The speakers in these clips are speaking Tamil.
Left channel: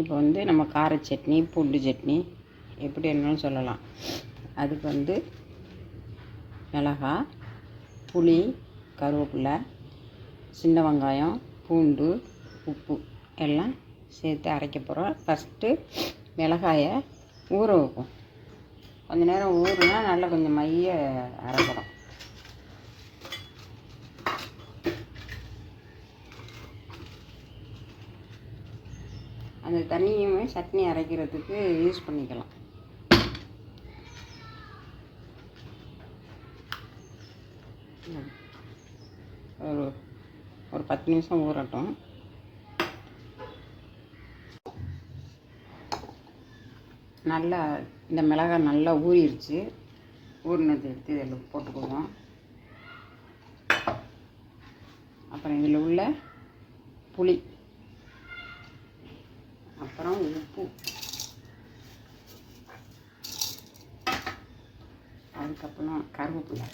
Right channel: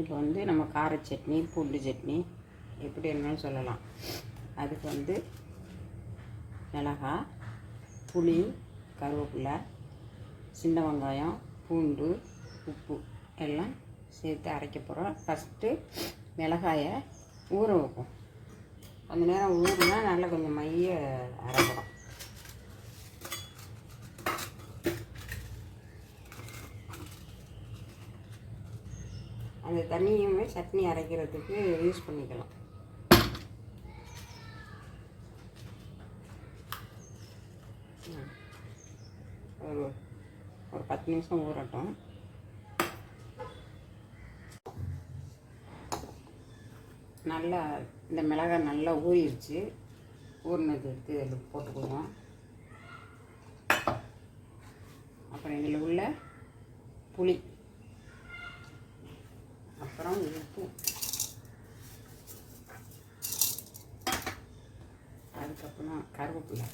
இப்போ வந்து நம்ம கார சட்னி பூண்டு சட்னி எப்படி வேணாலும் சொல்லலாம். அதுக்கு வந்து மிளகாய் புளி கருவேப்பிலை சின்ன வெங்காயம் பூண்டு உப்பு எல்லாம் சேர்த்து அரைக்க போகிறோம் ஃபஸ்ட்டு மிளகாயை ஊற வைப்போம். கொஞ்ச நேரம் ஊறுனா நல்லா கொஞ்சம் மைய அரைக்கிறோம் அந்த தண்ணியுமே சட்னி அரைக்கிறதுக்கு யூஸ் பண்ணிக்கலாம். ஒரு ஒரு பத்து நிமிஷம் ஊறட்டும். நல்லா இந்த மிளகாய் நல்லா ஊறிடுச்சு. ஊறினது எடுத்து இதில் போட்டுக்குவோம் அப்புறம் இதில் உள்ள புளி. அப்புறம் உப்பு அதுக்கப்புறம் கருவேப்பிலை.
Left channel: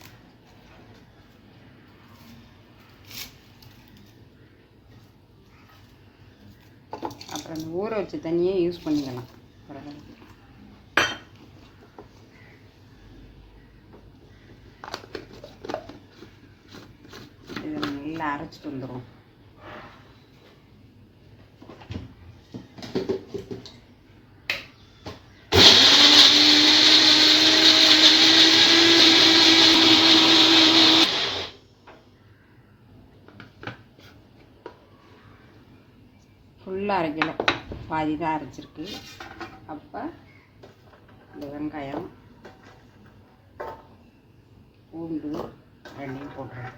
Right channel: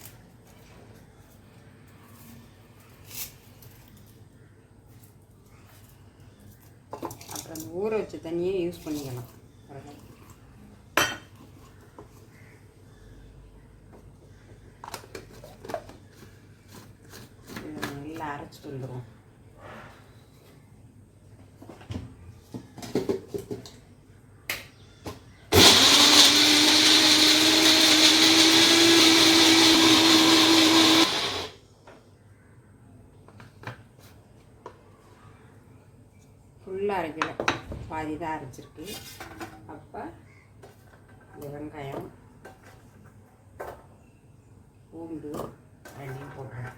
அப்புறம் அந்த ஊற வச்ச தண்ணியே யூஸ் பண்ணிக்கலாம். இதை நல்லா அரைச்சிட்டு வந்துடுவோம் ஃபுல்லாக அரைக்கல பாதி தான் அரைச்சிருக்கு. அப்போ இந்த வெங்காயம் பூண்டு ரெண்டையும் போட்டுறேன்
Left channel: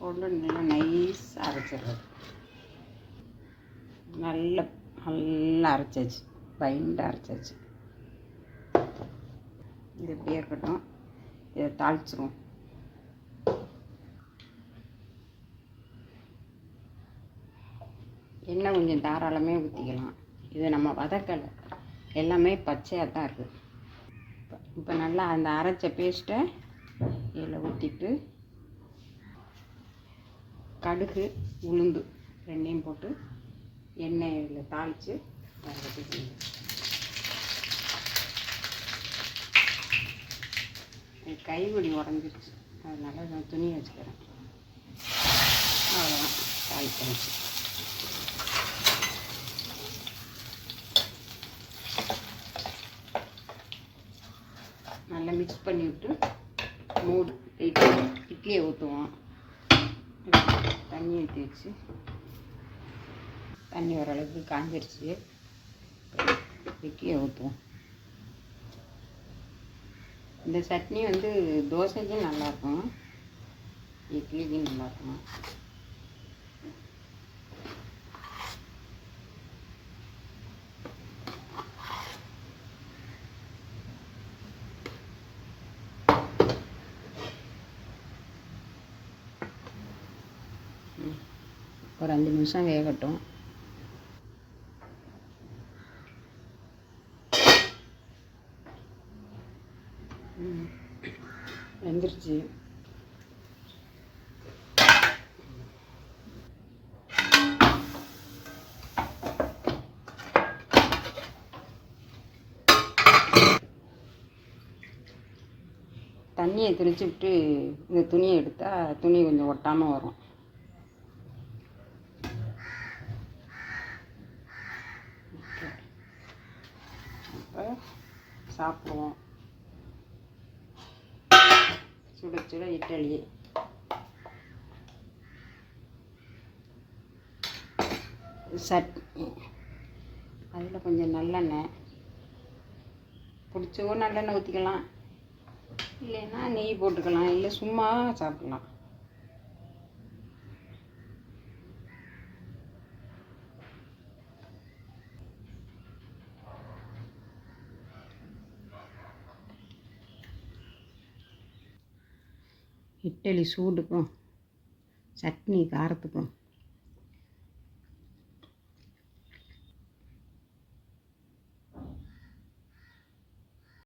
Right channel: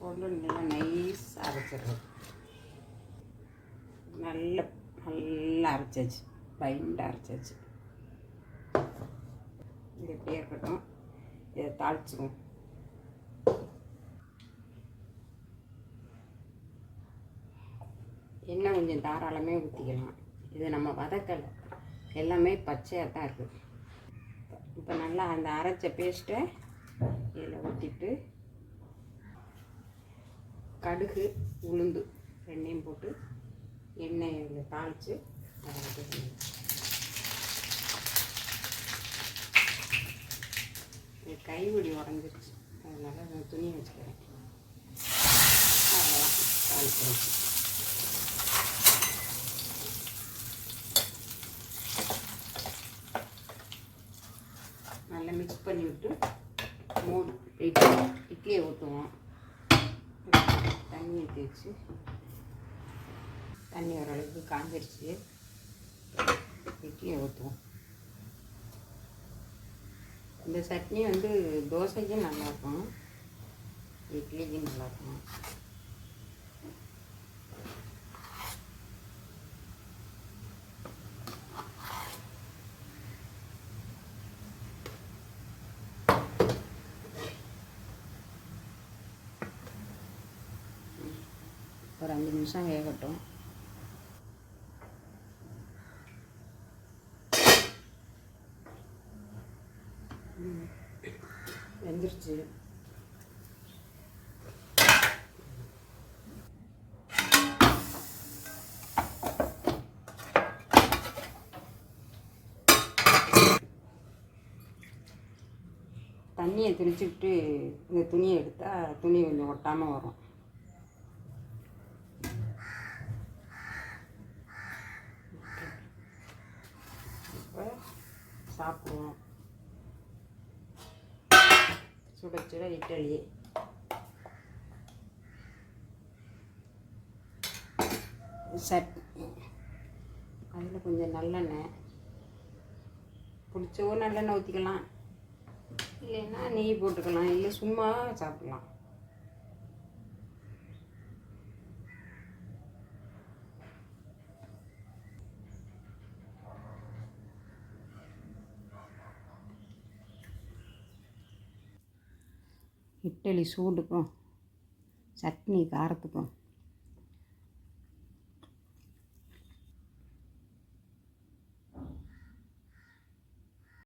போட்டு நல்லா நைஸ் அரைச்சிடுறது நல்ல நல்லா அரைச்சாச்சு. பைண்டாக அரைச்சாச்சு. இது எப்படியே இருக்கட்டும். இதை தாளிச்சிருவோம். எண்ணெய் கொஞ்சம் தாராளமே ஊற்றிக்கலாம் இது நம்ம வதக்கலை. எல்லாமே பச்சையாக தான் இருக்குது இப்போ நல்லா அந்த அரைச்ச பேஸ்ட்டை இதில் ஊற்றிட்டு கடுகு உளுந்து ரெண்டையும் போட்டு எண்ணெய் இதில் தாளித்து வதக்கிக்கணும். கைவடி உடஞ்சிருச்சு. அதனால் நான் துணி வச்சுக்கிறேன். தாளிச்சு நல்லா மிக்ஸ் பண்ணி விட்டு மூடு இட்லி இட்லியை ஊற்றுவோம். தண்ணி ஊற்றி வச்சு. தண்ணி ஓரளவுக்கு காஞ்சிருச்சு. இட்லியை ஊற்றுவோம். இந்த சட்னி வந்து தோசைக்கும் நல்லாயிருக்கும் இட்லிக்கும் நல்லாயிருக்கும் ஒரு அஞ்சு நிமிஷம் வேகட்டும். வெந்துருச்சு தண்ணியை தெளிச்சு விட்டு இந்த துணியை எடுத்தால் துணி கொஞ்சம் ஒட்டாமல் வரும். அப்போ சாப்பிடுவோம். சுட சுட இட்லி. சட்னி. அதில் கொஞ்சம் நல்லெண்ணெய். பிடிச்சவோ நல்லெண்ணெய் ஊற்றிக்கலாம். இல்லைன்னா நெய் போட்டுக்கலாம். இல்லை சும்மா சாப்பிடலாம். இட்லி சூடுக்கும் சட்னி காரத்துக்கும்